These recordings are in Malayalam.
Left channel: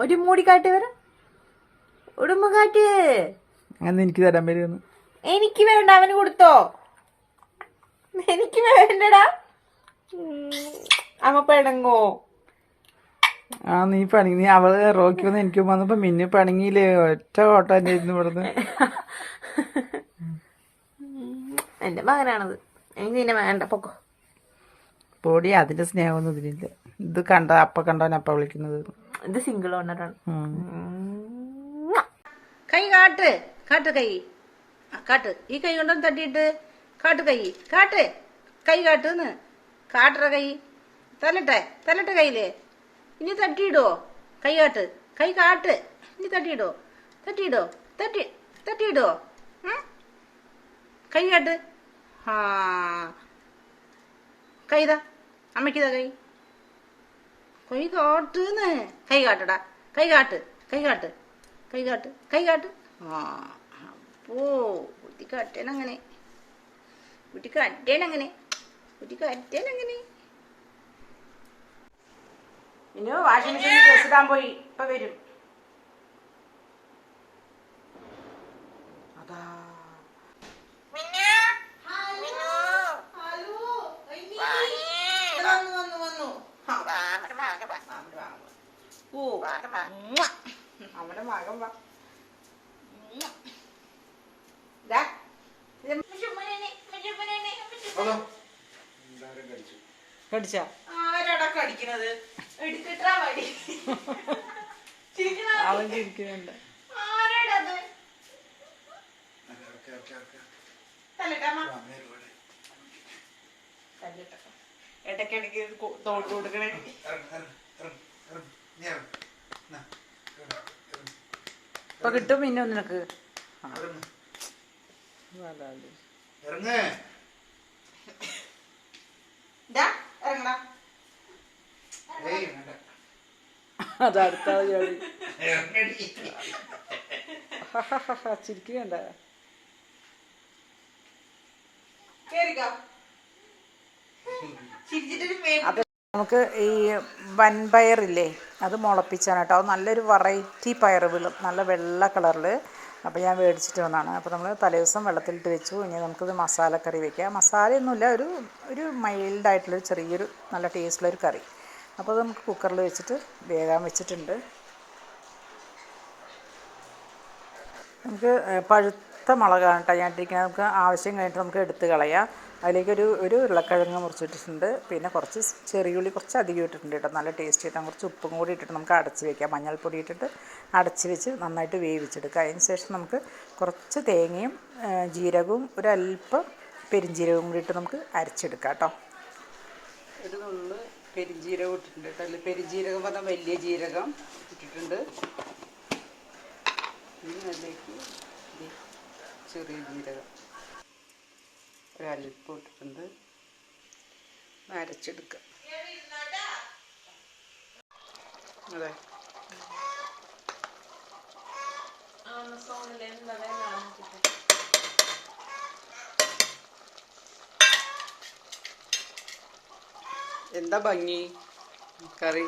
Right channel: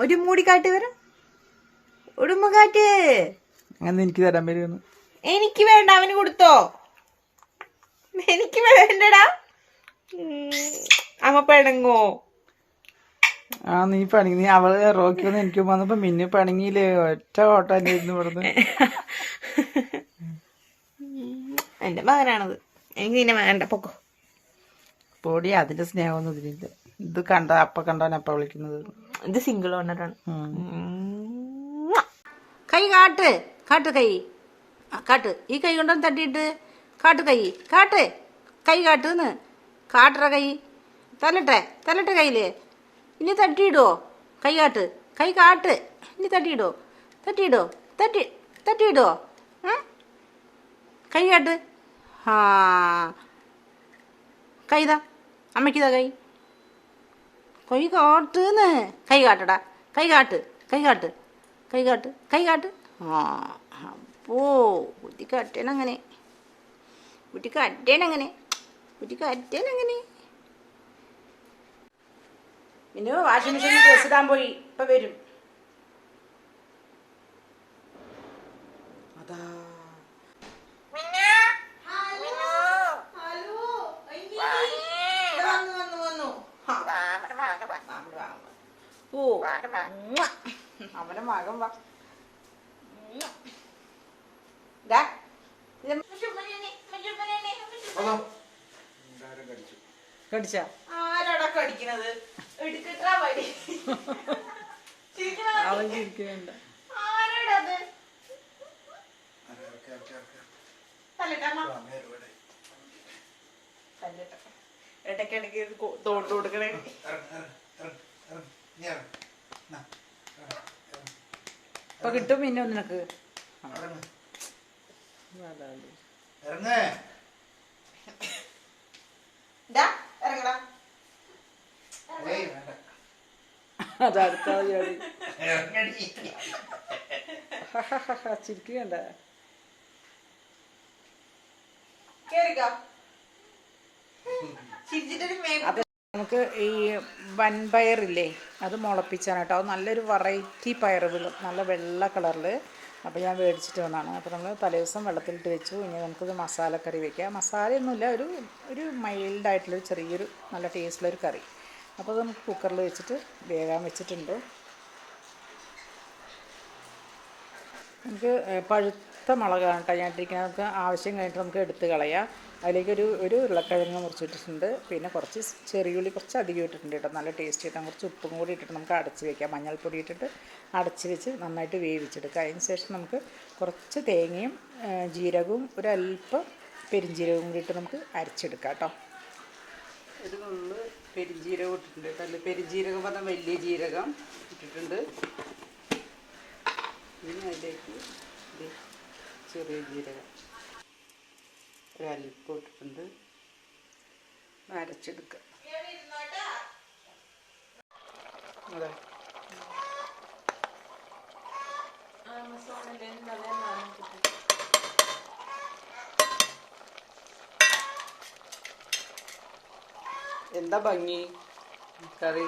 ഒരു മൂടിക്കാറ്റ് വരാം. ഉടുമ്പുകാറ്റ് അങ്ങനെ എനിക്ക് തരാൻ വരുമെന്ന്. എനിക്ക് വേണ്ട, അവന് കൊടുത്തോ. എനിക്ക് വേണ്ടടാ. അമ്മ പിണങ്ങോ? ആ നീ പണങ്ങി. നീ അവള് റോക്കി വന്ന് എനിക്ക് വന്നപ്പോ മിന്നു പണങ്ങിയില്ലേ, ഒറ്റ ഓട്ടം തന്നെ ഇരുന്ന് ഇവിടുന്ന്. എന്റെ മകനാണത്. എനിക്ക് നിന്നെ വേണ്ട, പൊക്കോ. പൊടി അതിന്റെ സ്നേഹമൊന്നും ഇതിലില്ല. ഇത് കണ്ട അപ്പ കണ്ടവനപ്പ വിളിക്കുന്നത്. ഇത് സിംഗിൾ ഓണറാണ്. കൈ കാട്ട്, കാട്ട് കൈ, കാട്ട്. ഈ കൈ കൊണ്ടൊന്ന് തട്ടിയിട്ട് കാട്ട് കൈ, കാട്ട് കൈ, കാട്ടെന്ന് കാട്ടറ കൈ. തല്ലട്ടെ കയ്യില്. ഇനി തട്ടിയിടോ? കൈ കാട്ട്, കൈ കാട്ട്. ഇനി തട്ടിയിടോ? തട്ടിയിടോ? കൈ കാട്ട്. ആ കൈതാ, അമ്മയ്ക്കിതാ കൈ. കൈ കാട്ടുന്ന്. കൈ കാട്ടടാ, കൈ കാട്ട്. ആ അപ്പോ കുട്ടി കട്ടേനങ്ങനെ. ഇനി വാഷിംഗ് മെഷീനിൽ ഡ്രസ് ഇടാൻ പോയി, ഇപ്പൊ വരും. അതാ ഓ അവന്റെ മകൻ വാ. കടിച്ച ആരാടാ കടിക്കണത്? എടുത്തിട്ടാ മതി. അവൻ ചിരിക്കുന്നുണ്ട്. ആരാടത്? ഇടയ്ക്കിടയ്ക്ക് തോട്ട് കൊടുക്കണേ. ഇപ്പൊ കിട്ടും പിന്നെ നിനക്ക്. അതടുത്ത ജോലി ചിരിക്കണ്ട. അത് നമുക്ക് ഈ വൻപയറില്ലേ, അത് മുളപ്പിച്ചാണ് കേട്ടോ. അത് നല്ലൊരു വെറൈറ്റി പയർ വീഴും, നല്ല വെള്ള കളറിൽ. അപ്പോൾ ഞാൻ മേടിച്ചിട്ട് വന്നതാണ്. അപ്പോൾ നമ്മൾ തലേദിവസം വെള്ളത്തിലിട്ട് വെച്ചു. ഇനി നമുക്കിത് മസാലക്കറി വയ്ക്കാം. മസാലയൊന്നുമില്ല, ഒരു മൈൽഡായിട്ടുള്ളൊരു ചെറിയൊരു നല്ല ടേസ്റ്റുള്ളൊരു കറി. അപ്പോൾ അത് നമുക്ക് കുക്കറിൽ വെച്ചിട്ട് വേഗം വെച്ചിട്ടുണ്ട്. നമുക്ക് പഴുത്ത മുളകാണ് കേട്ടോ ഞാൻ ഇട്ടിരിക്കുന്നത്. നമുക്ക് ആവശ്യം കഴിഞ്ഞിട്ട് നമുക്ക് എടുത്ത് കളയാം. അതിലേക്ക് ഒരു ഉരുളക്കിഴങ്ങ് മുറിച്ചിട്ടിട്ടുണ്ട്. പിന്നെ കുറച്ച് ചെറിയുള്ളി കുറച്ച് അധികം ഇട്ടിട്ടുണ്ട് കേട്ടോ, നല്ല ടേസ്റ്റ് കിട്ടാൻ. കുറച്ച് ഉപ്പും കൂടി ഇട്ടിട്ട് നമുക്ക് അടച്ച് വയ്ക്കാം. മഞ്ഞൾപ്പൊടി ഇട്ടിട്ട് അടച്ച് വെച്ച് നന്നായിട്ട് വേവിച്ചെടുക്കുക. അതിന് ശേഷം നമുക്ക് കുറച്ച് തേങ്ങയും ജീരകവും ഒരല്പം പെരിഞ്ജീരകവും കൂടി ഇട്ട് നമുക്ക് അരച്ചെടുക്കാം കേട്ടോ. ഒരു നുള്ള് പെരിഞ്ജീരകം ഇട്ടിട്ടുണ്ട് കേട്ടോ. അതിൽ പെരിഞ്ജീരകം പറഞ്ഞാൽ വലിയ ജീരകം ഇട്ടിട്ടുണ്ട്. ഇനി അതിലേക്ക് ചെറിയ ജീരകം ഒരല്പം ഇട്ടിട്ടുണ്ട്. അരച്ചെടുക്കുക. അതെ, എന്താ ഭംഗി കറി.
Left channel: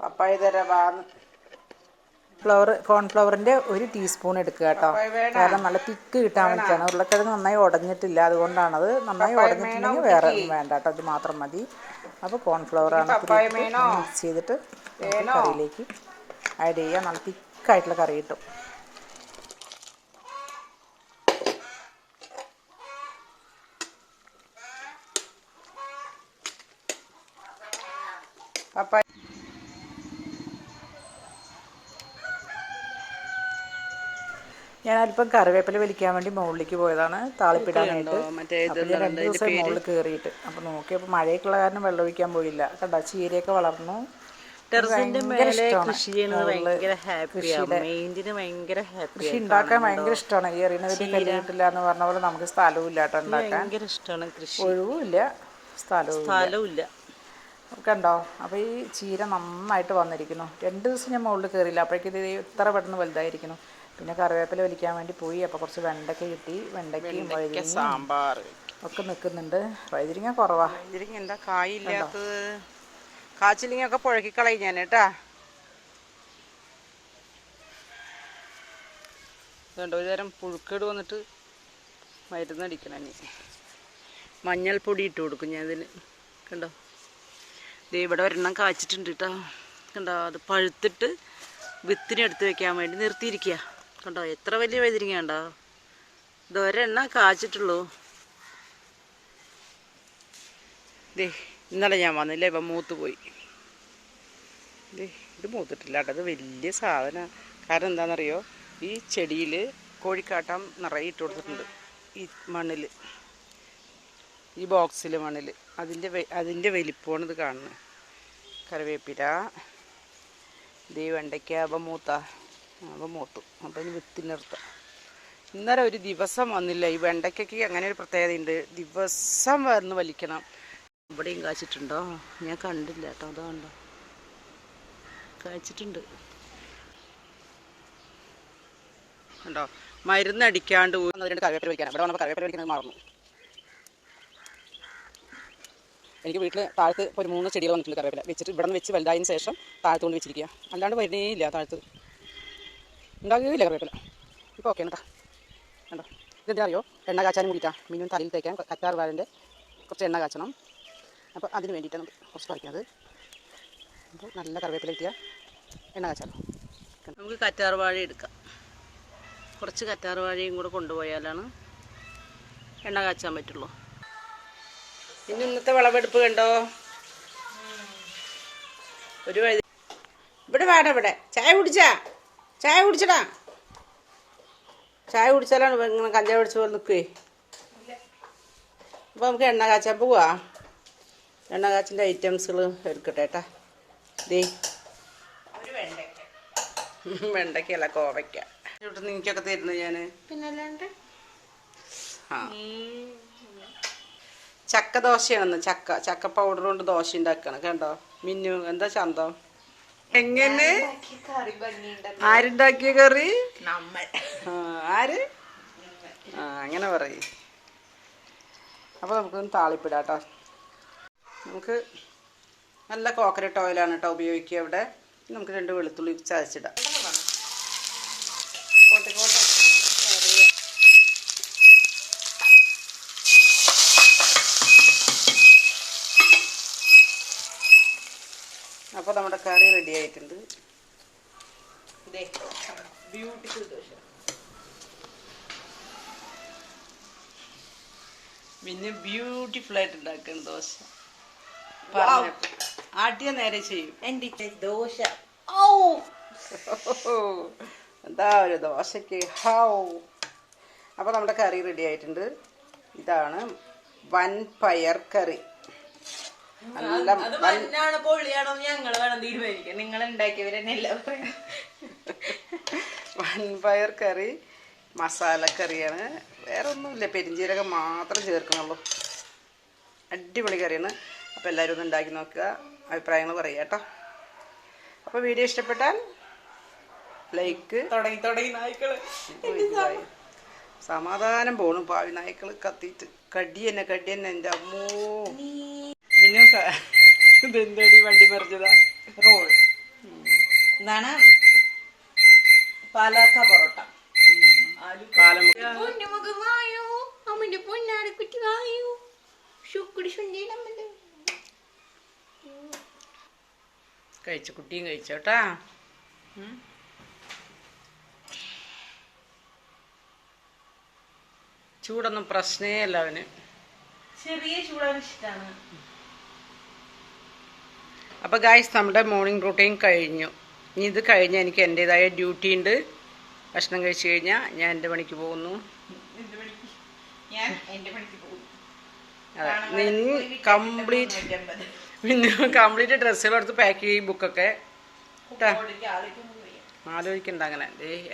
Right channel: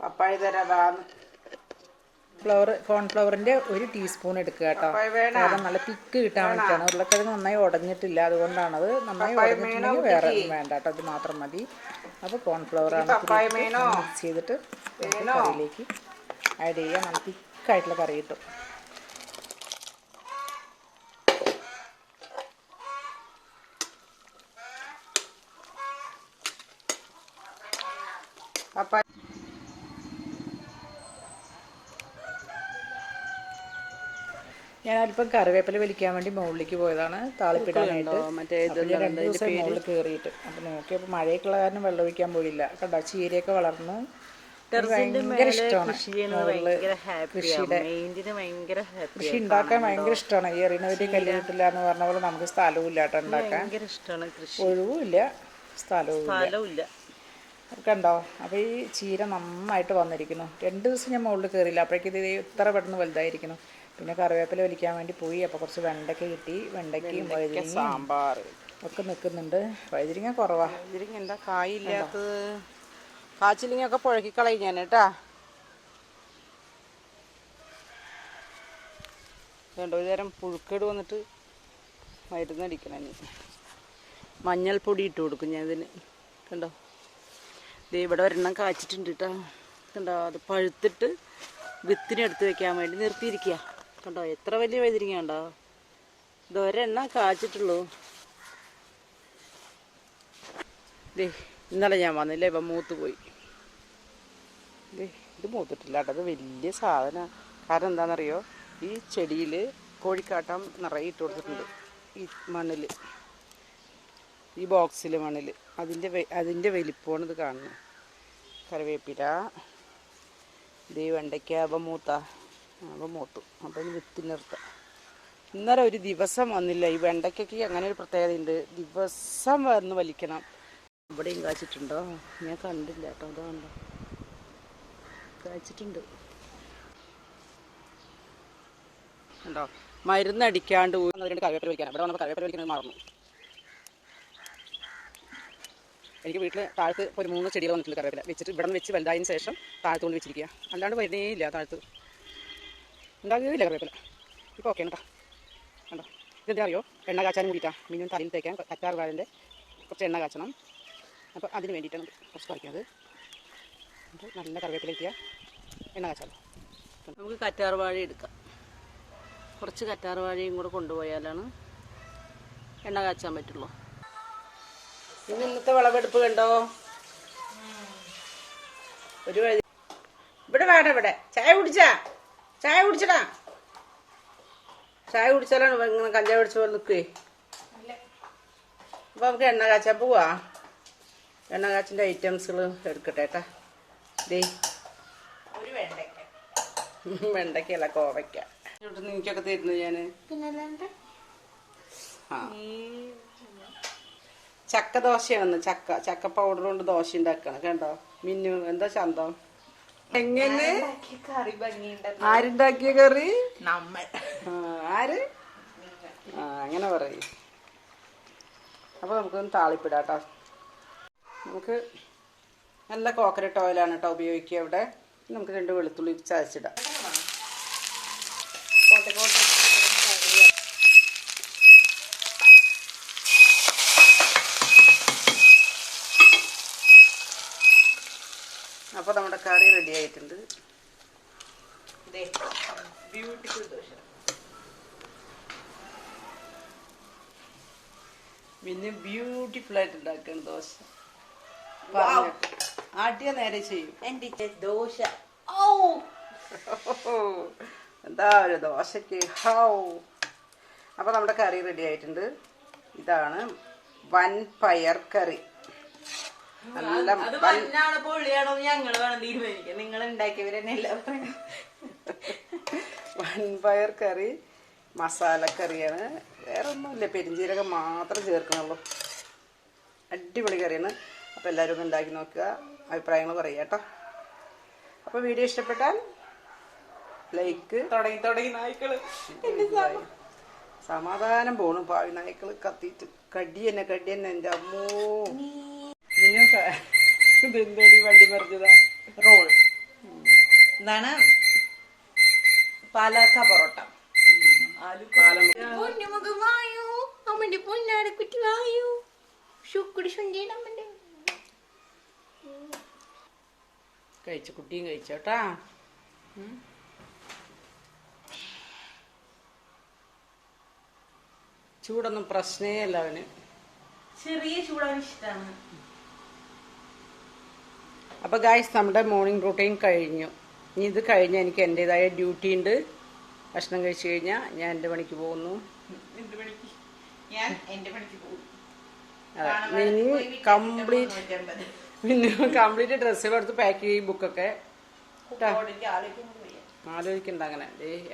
പപ്പായ തരാന്ന്. കോൺഫ്ലവറിൻ്റെ 1 ടീസ്പൂൺ എടുക്കുക കേട്ടോ. കാരണം നല്ല തിക്ക് കിട്ടാൻ വേണ്ടിയിട്ടാണ്. ഉരുളക്കിഴങ്ങ് നന്നായി ഉടഞ്ഞിട്ടില്ല, അതുകൊണ്ടാണത്. നന്നായി ഉടഞ്ഞിട്ടുണ്ടെങ്കിൽ വേറെ ഒന്നും വേണ്ട കേട്ടോ, അത് മാത്രം മതി. അപ്പോൾ കോൺഫ്ലവറാണ് മിക്സ് ചെയ്തിട്ട് കറിയിലേക്ക് ആഡ് ചെയ്യുക. നല്ല തിക്കായിട്ടുള്ള കറി കിട്ടും. പപ്പായ ഞാനല്പം കറിവേപ്പില വലിക്കാൻ വേണ്ടി മുകളിലേക്ക് പോയതാണ്, താളിപ്പിടാനായിട്ട്. അപ്പോൾ ഞാൻ 2 ദിവസം മുകളിൽ കയറിയിട്ട്. അപ്പോൾ നോക്കിയപ്പോൾ മഴയൊക്കെയുള്ള കാരണം വെള്ളം ഒഴിക്കാൻ പോയില്ല കണ്ടോ. ചീരയൊക്കെ വളർന്നു. ഭയങ്കര ഇഷ്ടമാണ് കൃഷി ഉണ്ടാക്കാൻ ഭയങ്കര ഇഷ്ടമാണ്. ഈ എറിയുന്നവര് കല്ല് കിട്ടില്ല എന്ന് പറഞ്ഞ പോലെ നമുക്ക് സ്ഥലവും ഇല്ല കേട്ടോ ഉണ്ടാക്കാൻ. ഒഴിവുമില്ല, സ്ഥലവും ഇല്ല. കണ്ടോ. അപ്പോൾ ഈ ചീര നന്നായിട്ട് വന്നിരിക്കുന്നു. 2 ദിവസം ഞാൻ മുകളിൽ കയറിയില്ല, അപ്പോഴേക്കും ഇത് ഇത്ര പെട്ടെന്ന് വലുതായിരിക്കുന്നു. പിന്നെ കറിവേപ്പില വലിക്കാൻ വേണ്ടി പോയി. അപ്പോൾ കുറച്ച് വെണ്ടയ്ക്ക കിട്ടി. വെണ്ടയ്ക്കയും വഴുതിരിങ്ങയും സാമ്പാർ ഒക്കെ നിൽക്കുന്നുണ്ട്. വഴുതിരിങ്ങ കുറവാ. വഴുതിരിങ്ങ എന്താ കായില്ലാത്തത്? കാച്ചിലിങ്ങൊക്കെ പുഴക്കി കളയും ഞാൻ കേട്ടാ. വേണ്ട, ഒരു തരം പുഴുക്കേട് വന്നിട്ട് മരുന്നടിക്കണം. മഞ്ഞൾപ്പൊടി ഇട്ട് കൊടുക്കും ഞാൻ ഇതിന്. കണ്ടോ, ദേ ഇവിടെ ഒരെണ്ണം കാച്ചിട്ടുണ്ട് കേട്ടോ. കണ്ടോ, അത് പഴുത്തിട്ട് വിത്തിനെടുത്ത് വെക്കാൻ വേണ്ടി നിർത്തിയിരിക്കുക. കണ്ടോ എത്ര വലിയ വഴുതിരിങ്ങ ഉണ്ടോ. ഇതൊരെണ്ണം കാച്ചിട്ടുള്ളൂ. ദേ ഇന്നലെ ഞാൻ വന്നില്ല, ഇപ്പം മൂത്ത് പോയി. ദേ ഇത് മൂത്തിട്ടില്ല കേട്ടോ. അത് വലിയ സാധനമാണ്. കാരണം എന്താണെന്നറിയോ, ഈ ചെടിയിൽ കോഴിക്കാട്ടം നിറയെ ഇട്ട് കൊടുത്തിട്ടുണ്ട്. ഈ മണ്ണിൽ, ഈ ബോക്സിൽ മണ്ണിൽ അതിൻ്റെ വലിപ്പമാണ് ഇത് കാണുന്നത്. കറിവേപ്പില, ദേ വെണ്ടയ്ക്ക. അപ്പം മൂത്തു. അപ്പം ഇനി വിത്തിൽ നിർത്താം. ഇന്നലെ ഒരു ദിവസം വന്നില്ല. ഈ വെണ്ടയ്ക്കൊക്കെ അങ്ങനെ ഒരു പ്രത്യേകതയുണ്ട്, ദിവസം വന്ന് വലിക്കണം. ഇവിടെയും കാച്ചിട്ടുണ്ടോ? ഞാൻ കണ്ടില്ല കേട്ടോ. അതുകൊണ്ടോ കാച്ചിട്ടുണ്ട് കണ്ടോ. മരുന്നടിക്കാണ്ട് രണ്ട് കറിവേപ്പില വലിക്കാൻ. ഇവിടെ വന്നപ്പോൾ കറിവേപ്പില വലിക്കുന്നത് മറന്നു. എനിക്ക് വീട്ടിൽ താഴത്ത് ഒരു 3 ചെടികൾ വന്നിട്ടുണ്ട് കറിവേപ്പില വെച്ചിട്ട്. ഇവിടെ നിന്ന് വെച്ച് വലുതായതിന് ശേഷം താഴത്ത് കൊണ്ട് വെച്ചിരിക്കുക. അല്ലാണ്ട് വരുന്നേ ഇല്ല, താഴത്ത് ഉണ്ടാകുകയില്ല കറിവേപ്പില. ഇപ്പോൾ ഓക്കെ കേട്ടോ. കണ്ടോ, ഇതെന്താ അറിയോ, എണ്ണ കാച്ചാനും കൂടിയിട്ടാണ്. മീനും തലയിൽ തേക്കാൻ കറ്റാർ വാഴൻ്റെ കുറച്ച് എണ്ണ കാച്ചണം. അപ്പോൾ അതിന് വേണ്ടിയിട്ടാണ് കുറച്ച് പറിക്കുന്നത്. അപ്പോൾ നല്ല കറിവേപ്പില കിട്ടിയാൽ എണ്ണ കാച്ചാലോ. നമുക്ക് കറ്റാർ വാഴ എടുക്കാം. കുറച്ച് കറ്റാർ വാഴയും കൂടെ കൊണ്ടുപോയാലാണ് എണ്ണ കാച്ചാൻ പറ്റുള്ളൂ. പിന്നെ ഇന്നത്തെ വിളവെടുപ്പ് കണ്ടോ. ഒരു വഴി ഇവിടെ വേണം. ഇവിടെ ചായ കുടിച്ചടാ. ചായ കുടിച്ചാലാണ് ഇങ്ങനെ കഞ്ചാവ് പിടിച്ച പോലെ നിൽക്കുവേ. അപ്പോൾ നമുക്ക് എണ്ണ കാച്ചാൻ പോവാ. എണ്ണ കാച്ചിൻ്റെ ഐറ്റംസുകൾ എടുക്കട്ടെ കേട്ടാ. ദേ ഒരു വെണ്ടയ്ക്കല്ല, കോവയ്ക്ക. ഇവിടെ നിനക്കൊക്കെ തരുന്നു ഞാൻ. പിന്നല്ലാണ്ട് ചക്ക ദോശയാണെന്ന്. ചക്ക പൗഡർ കൊണ്ട് ദോശ ഉണ്ടാക്കണം. കണ്ടോ മിന്നു, എന്താ ചന്തം. എങ്ങനെ ആരുണ്ടാക്കിയ കറി? ആര്? അങ്ങനെ പറയും. അപ്പോൾ നമുക്കൊന്ന് താളിപ്പിടാട്ടോ. നമുക്ക് നല്ല കോക്കനട്ട് ഓയിലാണ് കേട്ടോ ഉപയോഗിക്കുക ഇവിടെ. നമുക്ക് 2 വെളുത്തുള്ളി ചതച്ചിടാം. അപ്പോൾ നമ്മുടെ കറി റെഡി ആയിട്ടുണ്ട്. ബ്യൂട്ടിഫുൾ ദോശ. പിന്നെ ബ്യൂട്ടിഫുൾ ആയിട്ട് ഉണ്ടാക്കണം ദോശ. പറഞ്ഞ ആദ്യം നേരെ ചെയ്യും എൻ്റെ ദോശ. എന്താ ഒരു ദോശക്ക് ഹൗ. അപ്പോൾ നമ്മുടെ കറി റെഡി ആയിട്ടുണ്ട്. ഇതാണ് വൻപയർ കറി. നല്ല വൻപയർ കറി മസാലക്കറിയാണ്. വേറെ ഒന്നുമില്ല, പെരിഞ്ചീരകം മാത്രം ചേർക്കണുള്ളൂ. അടിപൊളി കറിയാണ്. അപ്പോൾ എല്ലാവരും ഒന്ന് ഉണ്ടാക്കി നോക്കുക, അഭിപ്രായങ്ങൾ പറയുക കേട്ടോ. അപ്പോൾ വീഡിയോ ഇഷ്ടപ്പെട്ടാൽ ലൈക്ക്. തുടങ്ങി നായ്ക്കൾ സമാധാനം പോണു. പാവി നായ്ക്കൾ കത്തിയിട്ട് കടി തന്നെ എൻ്റെ അമ്മോ. പിന്നെ ഇതെന്തടി വണ്ടി മറിച്ചതാ? റോൾ എന്താണ്? പാലക്ക പൊറോട്ട. കഴിച്ചു, കുട്ടിയും കഴിച്ചോട്ടാ. ചൂടൊന്നും പ്രശ്നേ അല്ല അവന്. ചെറിയ ചൂടാണ് ഇഷ്ടമാണ്. അപ്പോൾ ഗായ്സ്, നമ്മുടെ മോർണിംഗ് റൂട്ടീൻ കഴിഞ്ഞു. ഇനി ഇത് കഴിഞ്ഞാൽ എനിക്ക് എൻ്റെതായ ഡ്യൂട്ടി ഉണ്ട്. ഭക്ഷണം കഴിച്ചു കഴിഞ്ഞാൽ ഞാൻ എൻ്റെ പണിക്ക് പോകുന്നു. കംപ്ലീറ്റ് ഡ്രസ്സുകളെടുത്ത് പാക്ക് ചെയ്യും, ബുക്കൊക്കെ. ആലോചിക്കണ്ട അങ്ങനെ.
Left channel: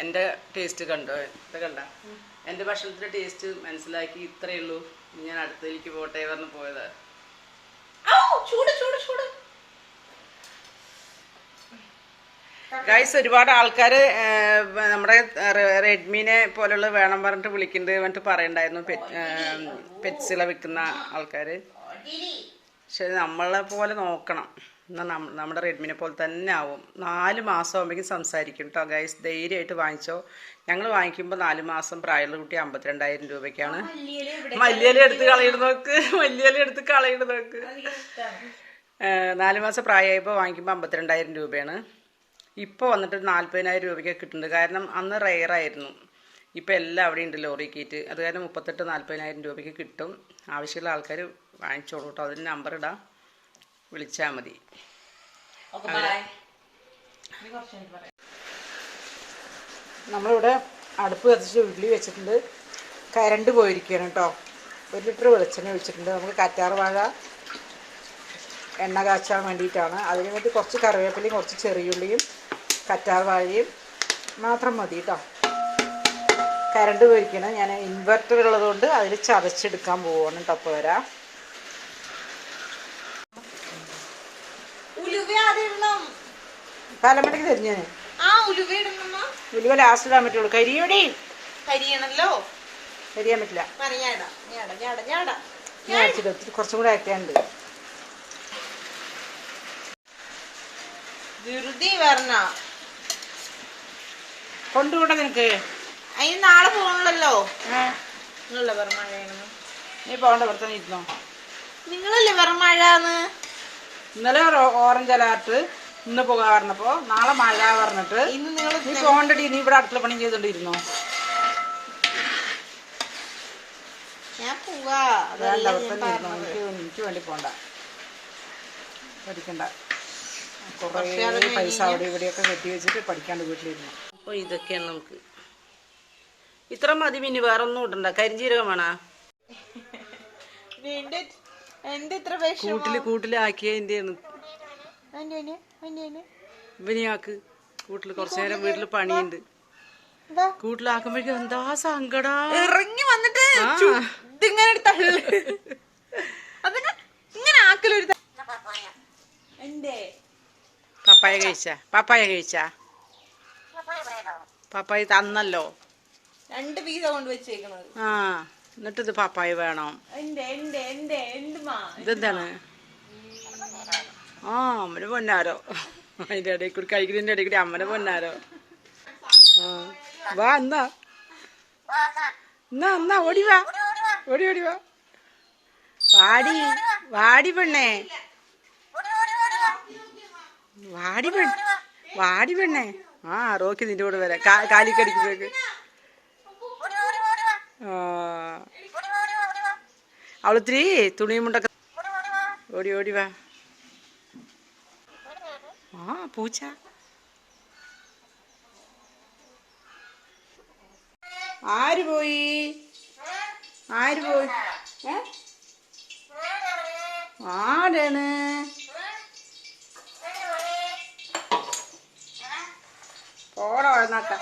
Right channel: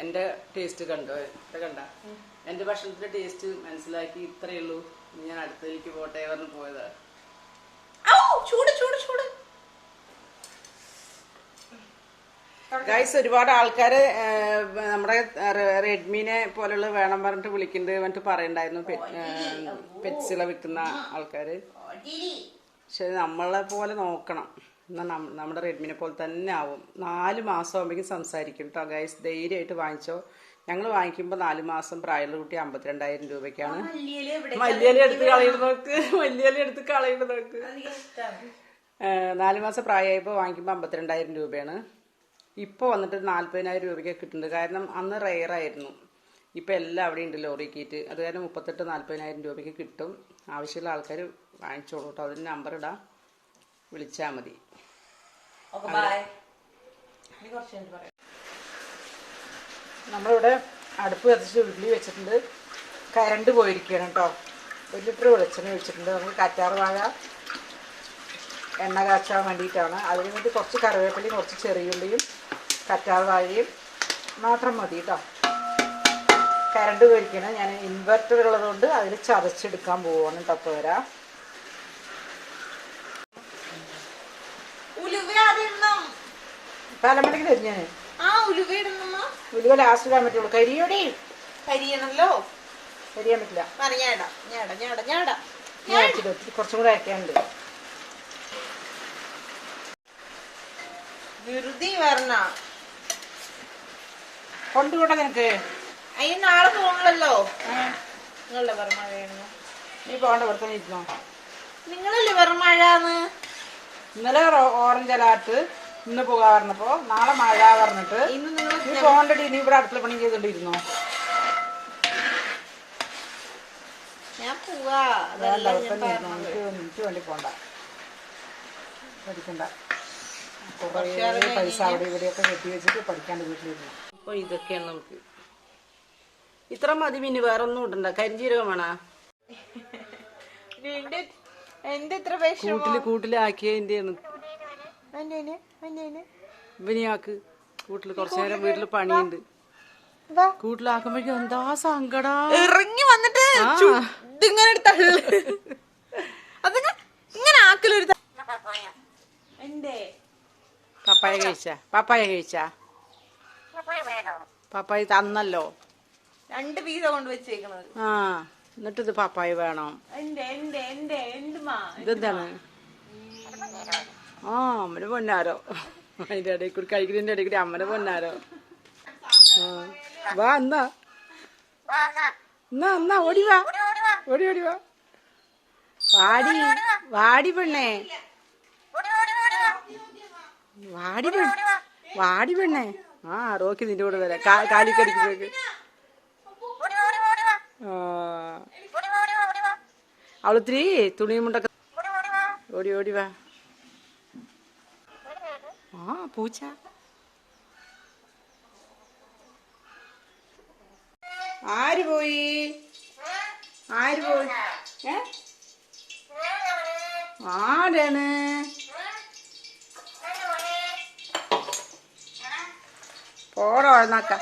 എൻ്റെ ടേസ്റ്റ് കണ്ടോ? ഇത് കണ്ട എൻ്റെ ഭക്ഷണത്തിൻ്റെ ടേസ്റ്റ് മനസ്സിലാക്കി. ഇത്രയേ ഉള്ളൂ. ഞാൻ അടുത്തേക്ക് പോട്ടെ പറഞ്ഞ് പോയതാ. ചൂട് ഗൈസ് ഒരുപാട് ആൾക്കാർ നമ്മുടെ റെഡ്മീനെ പോലുള്ള വേണം പറഞ്ഞിട്ട് വിളിക്കുന്നുണ്ട് എന്നിട്ട് പറയണ്ടായിരുന്നു പെറ്റ്സുകളെ വിൽക്കുന്ന ആൾക്കാർ. പക്ഷെ നമ്മളെ പോലെ നോക്കണം, എന്നാൽ നമ്മുടെ റെഡ്മിനെ പോലെ തന്നെ ആവും. 4 മാസം ആകുമ്പോഴേക്കും സംസാരിക്കും കേട്ടോ ഗൈസ്. ധൈര്യമായിട്ട് വാങ്ങിച്ചോ. ഞങ്ങൾ വാങ്ങിക്കുമ്പോൾ 4 മാസം പ്രായമുള്ള കുട്ടി 52,000 രൂപയ്ക്കാണ്. മല്ലിയില എടുത്ത് കളയുന്നത് നോക്ക്, മല്ലിയില എടുത്ത് കളയുന്നത് നോക്ക്. 4 മാസം പ്രായമായപ്പോൾ വാങ്ങിക്കുമ്പോൾ 52,000 രൂപയാണ്. ഇപ്പോൾ വന്നിട്ട് 40,000 രൂപയ്ക്ക് കിട്ടുന്നുണ്ട്. കാരണം അന്ന് റെയറായിരുന്നു. ഇപ്പോൾ എല്ലാം അവിടെ ഉണ്ട് ലോറി കീറ്റ്. അത് കാരണം 38,000-40,000 രൂപയ്ക്ക് കിട്ടും. ആവശ്യമുള്ള ആൾക്കാർ വാങ്ങിച്ചോളൂ കേട്ടോ. അതിന് നമ്പർ ഇടാം, വിളിച്ചാൽ മതി. നമ്മളിവിടെ അടുപ്പ് കത്തിച്ച് ഉരുളി വെച്ചിട്ടുണ്ട്. കരണ്ട് പോയിരിക്കുകയാണ് കേട്ടോ. 1 ലിറ്റർ വെളിച്ചെണ്ണ വെച്ചിട്ടുണ്ട്. നമുക്ക് കറ്റാർ വാഴ എണ്ണ കാച്ചാൻ വേണ്ടിയിട്ടാണ്. അതിന് വേണ്ടി കുറച്ച് കറിവേപ്പിലയും കുറച്ച് ചെറിയുള്ളിയും കറ്റാർ വാഴയും മാത്രം മതി കേട്ടോ. കരണ്ട് പോയിരിക്കണം. ഞാൻ ഇൻവെർട്ടർ ഉള്ളതുകൊണ്ട് അതിൽ ചതച്ചെടുക്കാൻ പോവാണ് കേട്ടോ. അപ്പോൾ വരാം. പാലമടക്ക് തരും ഞാൻ. ഉലുവ ലാസ്റ്റ് ഇടാൻ പറ്റുള്ളൂ. കരിയോടി കരിയണല്ലോ, കരിയാൻ പറ്റില്ല. ഞാൻ അരച്ചിട്ട് ഒത്തിരി കുറച്ചും കൂടെ അരയ്ക്കാനുണ്ട്. കൊണ്ടുകൂടെ നിനക്ക് അതിന് നാളെ പോകണല്ലോ. നീ പോകണ്ട, ഇവിടെ തന്നെ ഇരുന്നോ. നിങ്ങളല്ലേ വെറും മഴന്ന്. ഇന്നലെ ഓറഞ്ച് അലാർട്ട്, ഇന്ന് പോകാൻ പറഞ്ഞപ്പോ നാളെ മഴ പറഞ്ഞിട്ട് നീ പോകണ്ടടി. നീ ഇവിടെ അടുത്തുള്ള പണി ചെയ്തോണ്ടിരുന്നോ. ഞാൻ പോവാ. വേണ്ട, അവിടെ തന്നെ ഇരുന്നോ. എനിക്ക് വേണ്ടി പോണ്ട, പഠിക്കണ്ട. കുറേ പൈസ അവിടെ ഇവിടെയൊക്കെ കെട്ടി വെച്ചിട്ട് പഠിക്കാണ്ട് വീട്ടിലിരുന്നു. അപ്പോൾ ഇതൊക്കെയാണ് നമുക്ക്. ഇത്ര മതി. പിന്നെ വേറെ ഒന്നും ഇടണ്ട. കരിഞ്ചീരകം വേണോ? കൂട്ടിലാക്കിയതിൻ്റെ ഇവനെയാക്ക്. കൂട്ടിൽ കുറച്ചു നേരം വീട്ടിൽ പണിയുണ്ട്. കൂട്ടിലാക്കുമ്പോഴേക്കും എന്താ സങ്കടാ. ഇറങ്ങി വന്നിട്ട് ഇങ്ങനെ ആക്കലൊരു പപ്പായ കഴിച്ചാ പപ്പായ തന്നല്ലോ. 2 പീസ കൊണ്ട് വെച്ചേക്കണത്. ആ, എന്നിട്ടിത് പപ്പായ വേണം. ഇതെന്താണ്? ആ, അമ്മന് പൊന്നാരോ. അതിന്റെ ഇടയിൽ കൂടി കഴിക്കുന്നതിന്റെ ഇടയിൽ കൂടി അമ്മനെ പൊന്നാരോ. വാ എന്നാ ഓടി വാ. വാടി പെണ്ണേ, വാടി പെണ്ണേ. ആ, റോക്കി നിന്റെ കൂടെ വരാം. കാലിക്കടിക്കുന്നേക്ക്. അവളിത്തിരി തുണിയും മുണ്ടൊക്കെ. ഓടി വാ. ആ, പൂച്ച. ആര് പോയി? ആരാണ്? പോടോ എന്നാക്ക.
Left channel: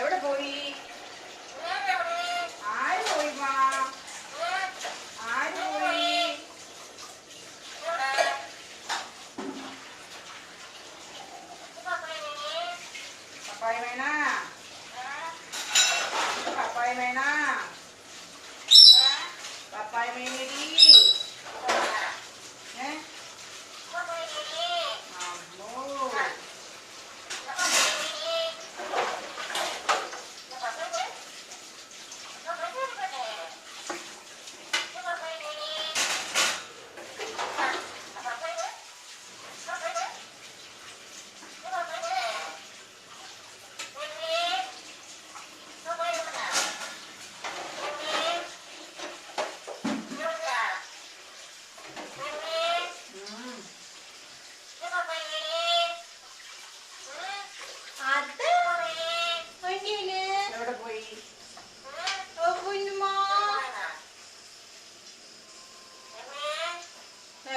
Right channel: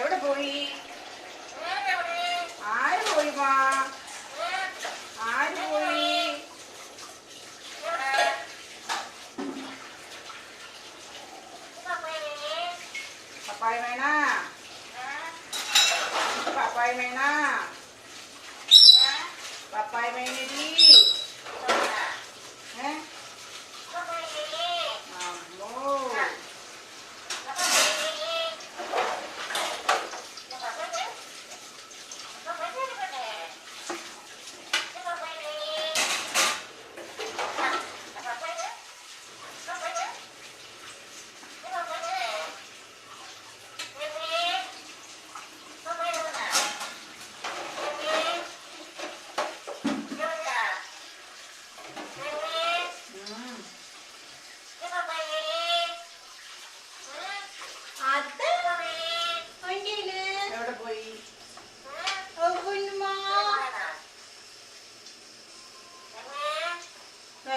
എവിടെ പോയി? ആര് പോയി? പപ്പായ മേനടി.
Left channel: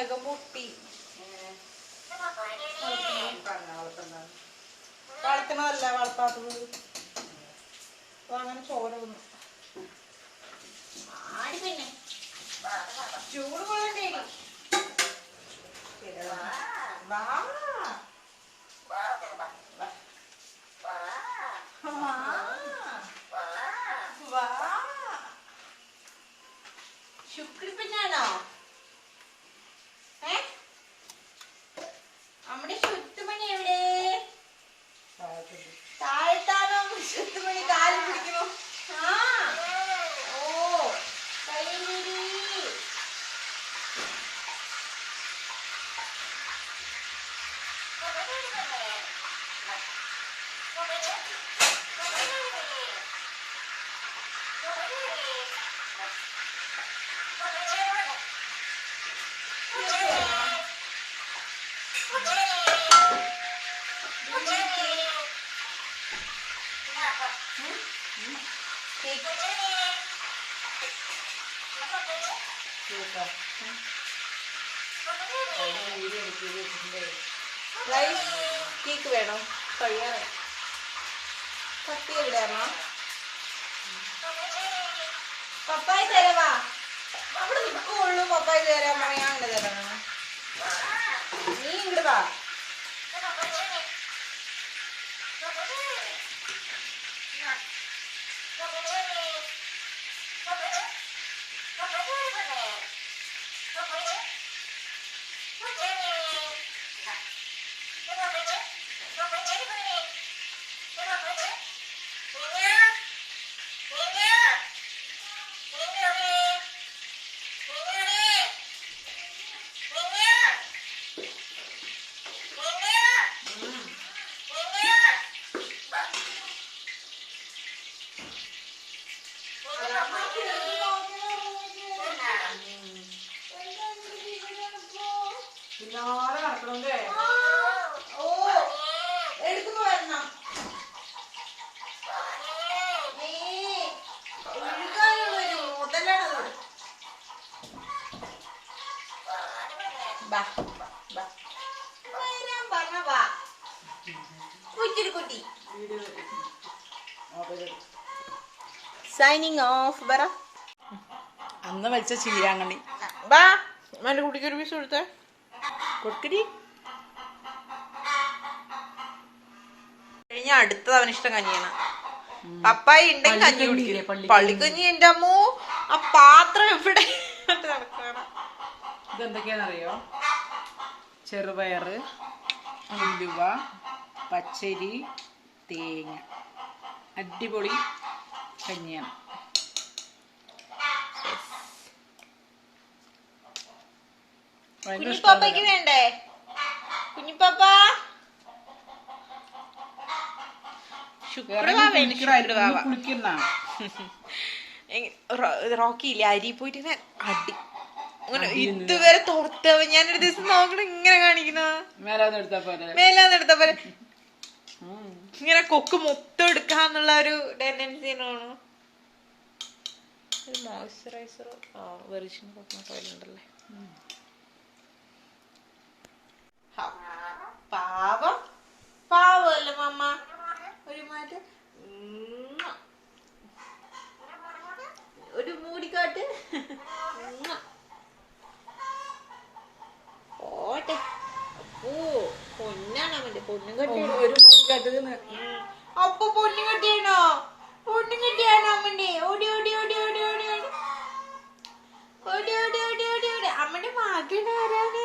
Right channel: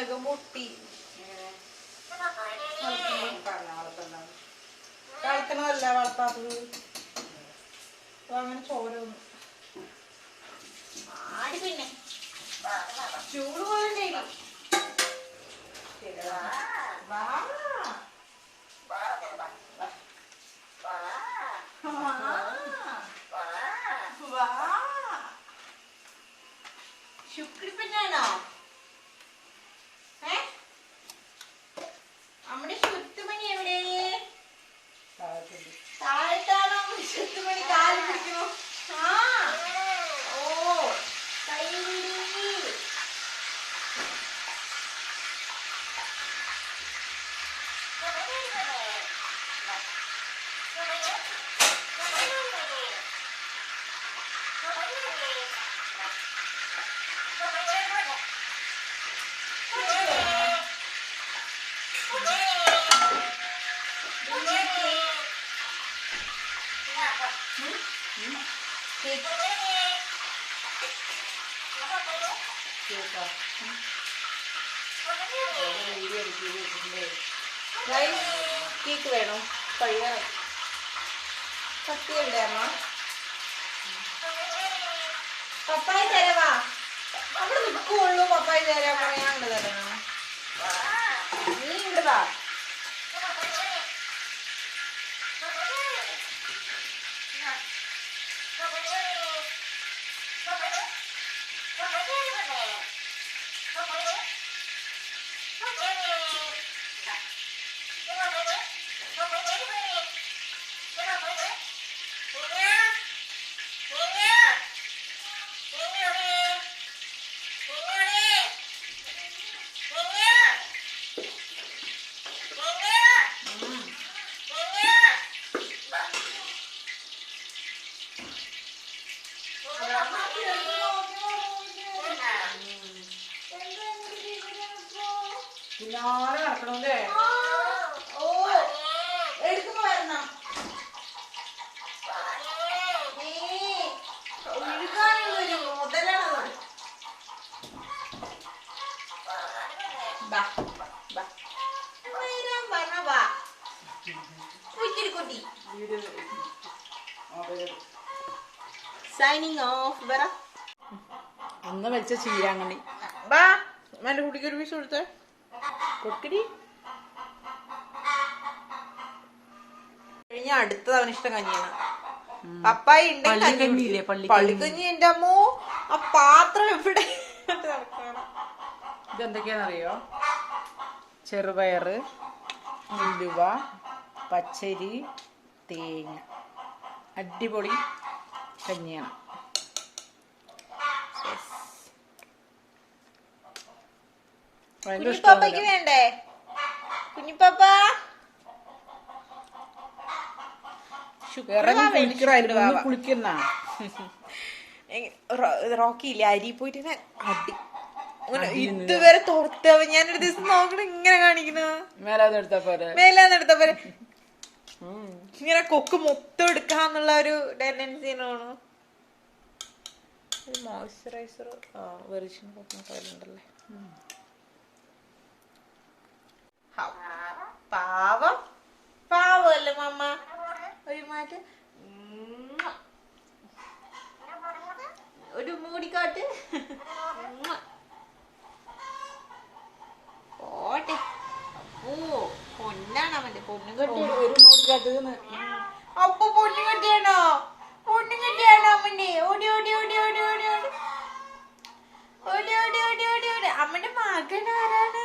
നഖം പൊട്ടി. വളർത്തണതല്ല വളർത്താത്തത്. അങ്ങനെ ചോര വന്നു. പിന്നെ ചൂട് കൊള്ളണ്ടേ? ശുക്രിപ്പനാണോ? നമ്മുടെ ശുത്തുമണി എവിടെ? താഴത്താണോ ശുത്തുമണി? കാല് പിടിക്കണോ? ഓ കൈ കേക്ക് വേണോ? കഴിയാറായി. കത്തി എവിടെയാണോ? പപ്പായ തരവാ. അവിടെ നിൽക്കുള്ളൂ. പപ്പായ തരാൻ പറയാനുണ്ട്. തരണം. നീ ഇങ്ങോട്ട് വാ. പിന്നാലെ നടക്കണല്ലേ? ഓ എടുക്കുമ്പോ വരണം. ഒഴുകാനുള്ളൊരു മുതലാണത്. Signing off. പറ. അന്ന് വലിച്ച ചീരാങ്കണ്ണി. ബാ എന്റെ കുട്ടിക്ക് ഒരു പീസ് കൊടുത്തേ. കൊടുക്കടി. കഴിഞ്ഞ അടുത്തത് അവനിഷ്ടം കഞ്ഞിയാണ്. പപ്പായ ഉണ്ടെങ്കിൽ കഞ്ഞി കുടിക്കും. പള്ളിക്കഞ്ഞി. എന്റെ അമ്മോ ആ പാത്രം എവിടെ നടക്കണ. ഇതെന്തൊക്കെയാണെന്നറിയോ? ചെറുപയറ്, ഉലുവ, പച്ചരി, തേങ്ങ. അടിപൊളി കഞ്ഞിയാണ്. കുഞ്ഞിപ്പാപ്പയ്ക്ക് വേണ്ടേ? കുഞ്ഞിപ്പാപ്പ കുളിക്കുന്ന റോക്കി ഇല്ലേ? അരി പോയിട്ട് അടി അങ്ങനെ ഇതുവരെ തോർത്തവൻ. ഞാനൊരു ദിവസം നോക്കണം ഇങ്ങനെ കാണിക്കുന്ന. മേലാന്നെടുത്ത പോലെ ഇങ്ങനെ കൊക്ക് മൊത്തം എടുക്കാന്നുള്ള ഒരു ടെൻഡൻസിയാണ്. ഒരു മോയ്സ്ചറൈസറോ വെറിഷൻ ഉണ്ടല്ലേ. പാവം പാവല്ലേ മമ്മ. ഒരു മാറ്റ് ഒരു മൂടിക്കാട്ട്. ഓട്ടെ. ഓ പൊന്നാണ് അവന്റെ. പൊന്നും കെട്ടി ഒരു മൂടിക്കാട്ട്. അപ്പൊ പൊന്നും കെട്ടിയാണോ? പൊന്നും കെട്ടിയാണോ അമ്മന്റെ? ഓടി ഓടി ഓടി ഓടി ഓടി ഓടി ഓടി ഓടി ഓടി ഓടി ഓടി. അമ്മന്റെ മകൻ ആരാണ്?